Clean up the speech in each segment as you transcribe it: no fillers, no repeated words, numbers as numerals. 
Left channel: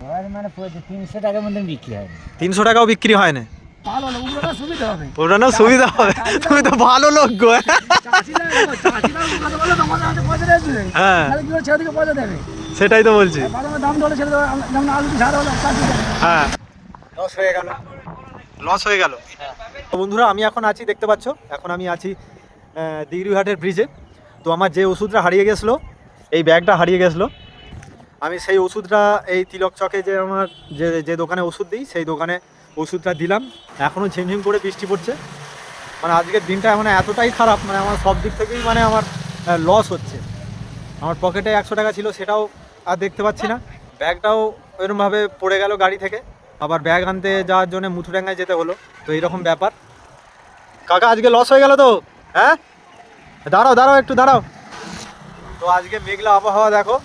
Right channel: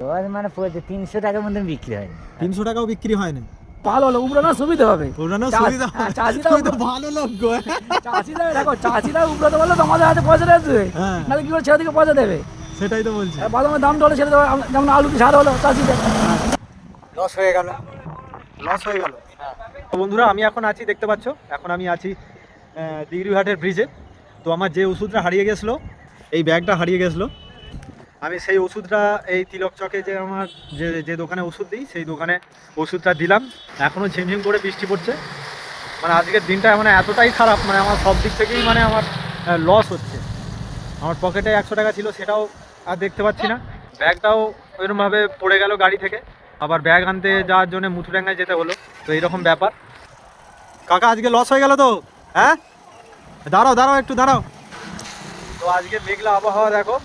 মানে 300 টাকার মধ্যে বিক্রি হয় না। 300 টাকাও বিক্রি হয় না? ভালো লোক উড়ানো সুবিধা হবে, ওড়ানো সুবিধা হবে। তুমি তো ভালো লোক গো। চাষিরা উড়াতে বললে তোমাদের হাতে পয়সা দেবে, হ্যাঁ নাহলে কি করে ছেলে থেকে পয়সা দেবে? সেটাই তো বলছি। বাদামের দাম ধরে ছেলে দেবে, যেমন আলু সার হলো চাষিদের হ্যাঁ লস হয়ে গেল। লস হয়ে গেল। তো বন্ধুরা আমি এখন আছি, দেখতে পাচ্ছ এখন আমি আছি দিঘিরহাটের ব্রিজে। তো আমার যে ওষুধটা হারিয়ে গেছিলো, এই ব্যাগটা হারিয়ে গেছিলো, আমি সেই ওষুধটা এই তিলক চকে যে আমার যে দোকানে ওষুধ দিই সেই দোকানে ওষুধটা দিলাম। এখনও ঝিমঝিম করে বৃষ্টি পড়ছে। মানে আজকের দিনটা মানে এতটাই খারাপ, মানে আমার সব দিক থেকেই মানে আমার লস হচ্ছে। আমার পকেটে 100 টাকা ছিল, সেটাও আর দেখতে পাচ্ছি না। ব্যাগটাও ওইরকমভাবে পড়ে গেল গাড়ি থেকে, আবার ব্যাগ আনতে যাওয়ার জন্য মুথুডাঙ্গায় যেতে হলো। তো এইরকম ব্যাপার। কাকা আজকে লস হয়ে গেল তো? হ্যাঁ দাঁড়াও দাঁড়াও একটু দাঁড়াও। তো আজকে মেঘলা আবহাওয়া দেখো,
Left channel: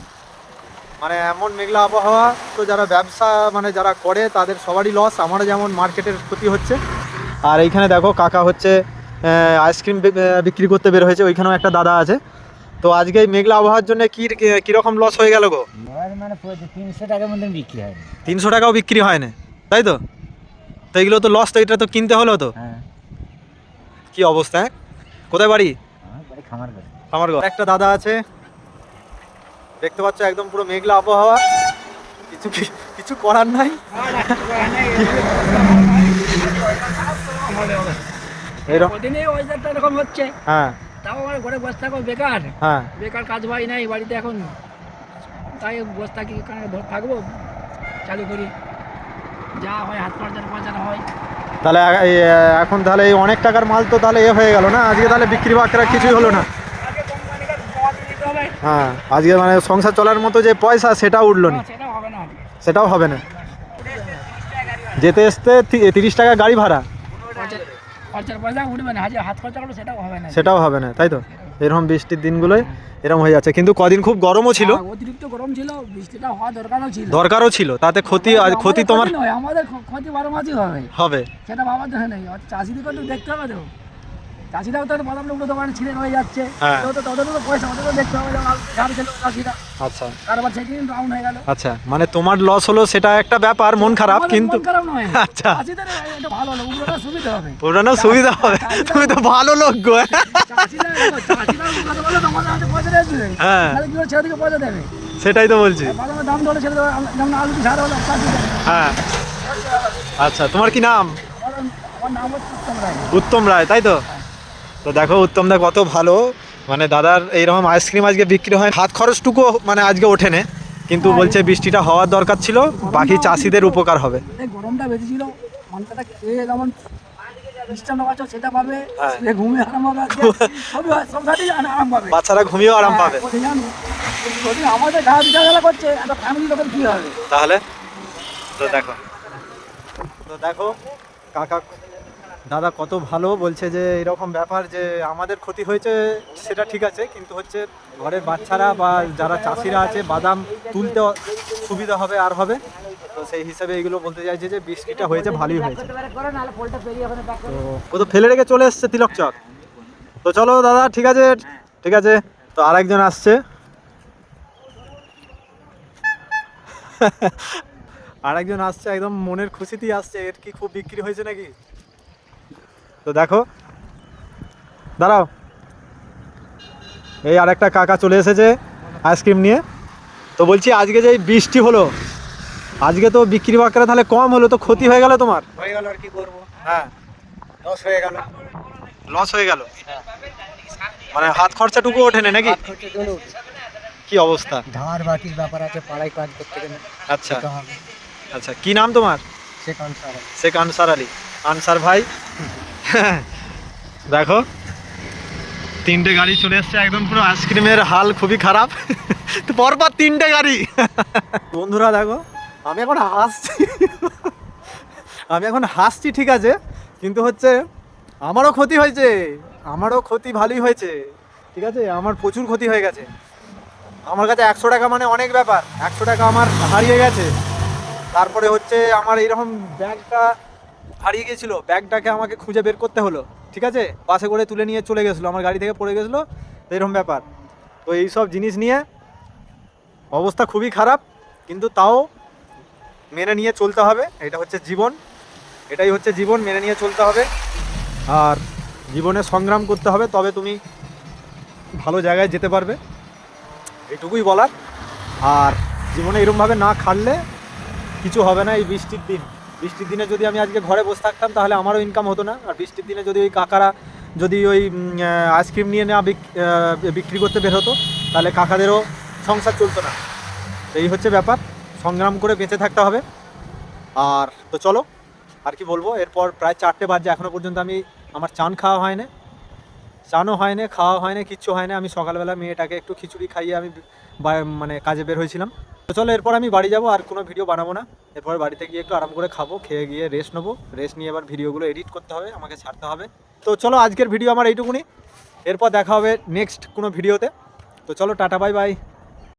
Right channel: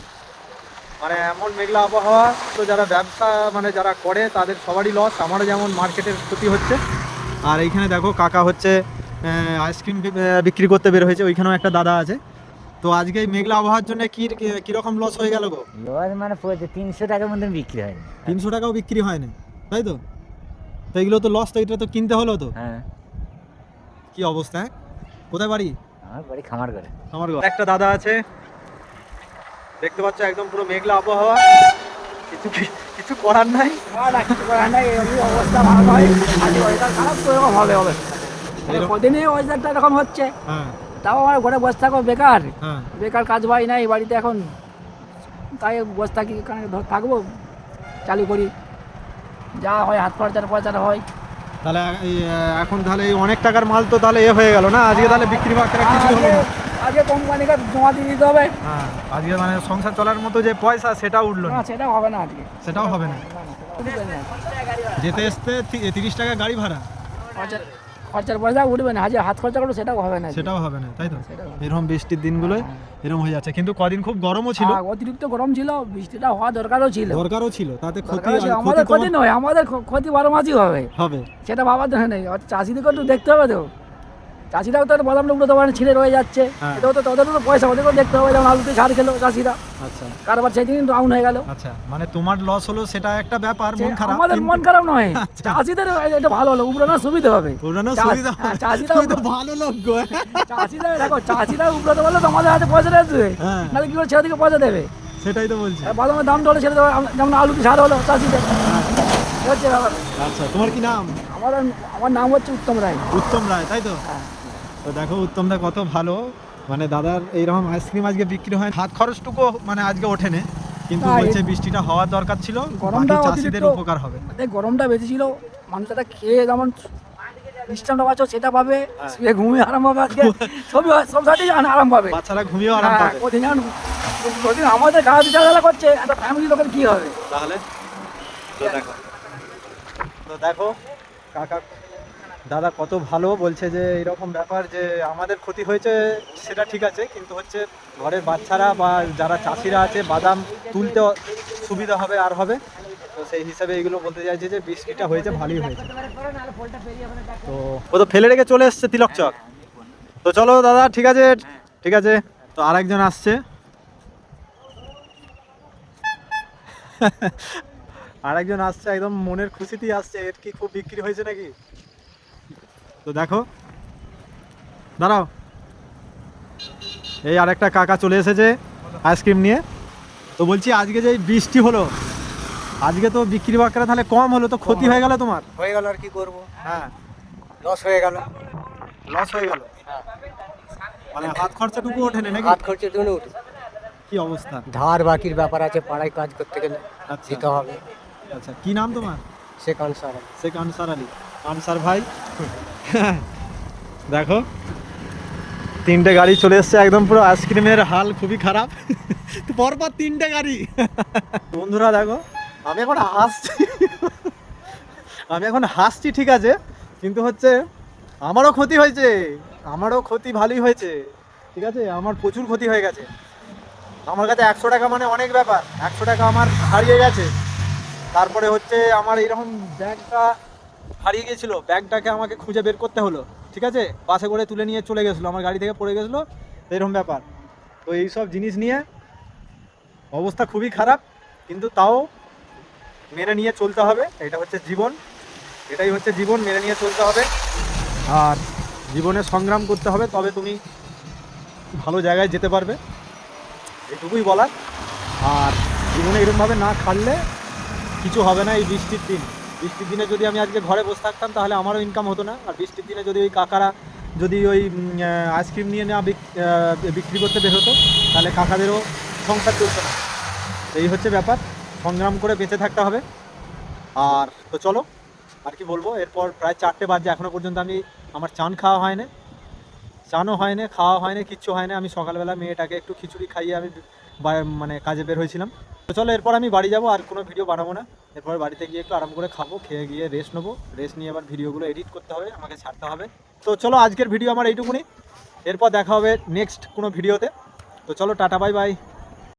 মানে এমন মেঘলা আবহাওয়া। তো যারা ব্যবসা মানে যারা করে তাদের সবারই লস, আমারও যেমন মার্কেটের ক্ষতি হচ্ছে। আর এইখানে দেখো কাকা হচ্ছে আইসক্রিম বিক্রি করতে বের হয়েছে, ওইখানেও একটা দাদা আছে। তো আজকে এই মেঘলা আবহাওয়ার জন্য কীরকম লস হয়ে গেল গো? মানে 300 টাকার মধ্যে বিক্রি হয় না। 300 টাকাও বিক্রি হয় না, তাই তো? তো এগুলো তো লস, তো এটা তো কিনতে হলো তো। হ্যাঁ কি অবস্থা? হ্যাঁ কোথায় বাড়ি? আমার বাড়ি খামার করে। আমার ঘর। একটা দাদা আছে, দেখতে পাচ্ছ একদম পুরো মেঘলা আবহাওয়া, কিছু করার নাই। এরকম হচ্ছে, হ্যাঁ তাও আমার ঘরে বসে থাকো বেকার, হ্যাঁ বেকার কাজ ভাই নাই বাড়িতে এখন, তাই বসে থাকি, থাকবো চালু করি, যা হয় হাত খরচার পয়সাটা হয়। তাহলে এখন তাহলে এই অনেক টাকার মাল তো তাহলে হয়ে গেল না আজকে, তাহলে বিক্রি বাক্রা কিছুই হলো না। আগে কোম্পানিকে জমা দিয়ে দিতে হবে। হ্যাঁ আজকে মানে সংসার চলার মতো যে পয়সা সেটাও উঠলো না। সেটাও হবে না আজকে, সেটাও হবে না। যেতে আসতে 30 টাকা গাড়ি ভাড়া, খরচার পয়সা উঠবে না, হাত খরচা করলো সেটাও হবে না। সেটাও হবে না, তাই তো? এরকম বৃষ্টির দিনগুলোই এরকম হয়ে যাচ্ছে। কিন্তু কদিন খুব গরমও ছিল, অতিরিক্ত গরম ছিল, বৃষ্টিটা হওয়া দরকারও ছিল, তাতে ক্ষতি তোমার নয়, আমাদের ক্ষতি 12 মাসই হবে। সেটা ভাবার দরকার নেই। চাষিদেরকে তো দেখতে হবে, তো চাষিরাও তো বাদাম উঠতে পারে, ছিঁড়ে রয়ে যাচ্ছে, তো তাদেরও পয়সা ওদেরও দেখতে হবে। যেমন আলুতে সার খেলো চাষিরা, আচ্ছা কারবার সেদিন ডাউন হয়ে গেল। আচ্ছা মানে তোমার লস হলো সেটা একটা ব্যাপার, মন খারাপ, কিন্তু মন খারাপ নয়। আচ্ছা চাষিদের এটা ভালো হলো, উড়ানোর সুবিধা হবে, ওড়ানোর সুবিধা হবে। তুমি তো ভালো লোক গো। চাষিরা উড়াতে বললে তোমাদের হাতে পয়সা দেবে, হ্যাঁ নাহলে কি করে ছেলে থেকে পয়সা দেবে? সেটাই তো বলছি। বাদামের দাম ধরে ছেলে দেবে, যেমন আলু সার হলো চাষিদের। হ্যাঁ আচ্ছা তোমার কি নাম? আমার নাম হচ্ছে উত্তম রায়। উত্তম রায়, তাই তো? তো দেখো উত্তম দা কত ভালো, মানে দাদার এইরকম আইসক্রিম আজকে বিক্রি হয়, হাত খরচটুকু মানে আজকে ওঠেনে, কিন্তু বলছে বৃষ্টিটা হওয়ার দরকার ছিল, বাকি চাষিদের উপকার হবে। গরমটা বেশি ছিল, মানুষটা খেয়ে যেমন মিষ্টান্ন পাচ্ছ সেটা পাবে, ঘুমিয়ে আরাম পাবে, সব সাথেই আরাম পাবে, বাচ্চারা ঘুমিয়েও আরাম পাবে। আমাদের গা বিচার করছে, একটা ফ্যামিলি লোকের কি হবে তাহলে? তো দেখো কাকা দাদা কত ভালো, বলছে যে এরকম ব্যাপার যে আমাদের ক্ষতি হয়েছে সেটা ঠিক আছে, কিন্তু হচ্ছে ঘরের বাচ্চারা বা যারা চাষিরা আছে বাদাম তুলতে সুবিধা হবে আর হবে। তো সেই হিসাবে এগুলো বলতে চাইছে যে বৃষ্টিটা হয়েছে ভালোই হয়েছে। তো ও তো ফেলে রেখে চলে এসছে তিলক চক। তো চলো দাদা, ঠিক আছে ঠিক আছে। তো আরেকজন আসছে, আরেকজন আসছে একদম মনের খুশিতেই আসছে। এর কি খুব বিক্রি হয়েছে নাকি? তো দেখো দাঁড়াও, এই আরেকটা কাকা চলে এসেছে আইসক্রিম নিয়ে। তো বলছি আজকে যে বৃষ্টি হলো, আজকে তো বিক্রি বাক্রা তাহলে কম হলো, তো ক্ষতি হয়ে গেল তোমার? হয়ে গেল, আর কি করবো, হ্যাঁ লস হয়ে গেল। লস হয়ে গেল, মানে হাত খরচাটুকু ওঠেনি নাকি? কি অবস্থা? ধার বাকির ব্যাপার আছে, পাড়ায় কাজ করতে গেলে আচ্ছা দিতে হবে। আচ্ছা কি নাম তোমার? শেখ আনসার আলী। আনসার ভাই দেখো 3টে গাড়ি চলে এসছে, একদম পুরো আইসক্রিমের হাল খুবই খারাপ। তো পরপর 3টে গাড়ি। বন্ধুরা দেখো আমি এখন হাসছি ঠিক আছে, কিন্তু হচ্ছে আমারও ক্ষতি হয়েছে, আমারও ক্ষতি ভালোই হয়েছে, ঠিক আছে? আমার প্রচুর ক্ষতি হয়ে গেছে। আমার কাছে 100 টাকা মানে অনেক ব্যাপার, 100 টাকা আমার হারিয়ে গেছে। তারপরে হচ্ছে আমার এইরকম ব্যাগটা হারিয়ে গেছিল, ব্যাগটাকে আমাকে খুঁজে বের করতে হলো, ঠিক আছে? বাসে করে তুলে নিয়ে চলে গেছিলো, আমার গাড়ি থেকে পড়ে গেছিলো, তো এরকম ব্যাপার। তো এইসব জিনিস নিয়ে অবস্থা খুবই খারাপ, কিন্তু তাও মেনে নিয়ে চলতে হবে, এটা হচ্ছে জীবন, এটাই হচ্ছে জীবন, মেনে নিয়ে চলতে হবে। আর জীবনে সংগ্রাম করতে হবে, তবে তুমি ভালো জায়গায় যেতে পারবে, এইটুকুই বলার। আর জীবনে এরকমভাবে না খাটলে কিছু হবে না। এই বৃষ্টির দিনে যদি আমি আজকে ঘরে বসে থাকতাম তাহলে আমারও ইনকাম হতো না। আর বৃষ্টির দিনে যদি ওই কাকারা যদি ওই আইসক্রিম নিয়ে না বিক্রি করতে বের হতো তাহলে কাকাদেরও সংসার চলতো না। তো এই হচ্ছে ব্যাপার, সংগ্রাম করে বেঁচে থাকতে হবে। আর তো চলো, আর কি বলবো, এরপর প্রায় 4টে বাজে, এখনও পর্যন্ত আমার চান খাওয়া হয় না, চানও হয় না, খাওয়া হয় না, কিচ্ছু হয় না। আমি সকালবেলা মেয়েটাকে একটু খিচুড়ি খাইয়ে আমি মানে কাজে বের হয়েছিলাম। তো চলো, এরপর আমি বাড়ি যাব, আর কোনো ভিডিও বানাবো না। এরপর বাড়িতে গিয়ে একটু আরাম করে খাবো, খেয়ে গিয়ে রেস্ট নেবো, রেস্ট নিয়ে আবার ভিডিওগুলো এডিট করতে হবে, আমাকে ছাড়তে হবে। তো চলো, আজকের ভিডিও আমার এইটুকুনি, এরপর দেখা হবে নেক্সট কোনো ভিডিওতে। তো চলো, টাটা, বাই বাই।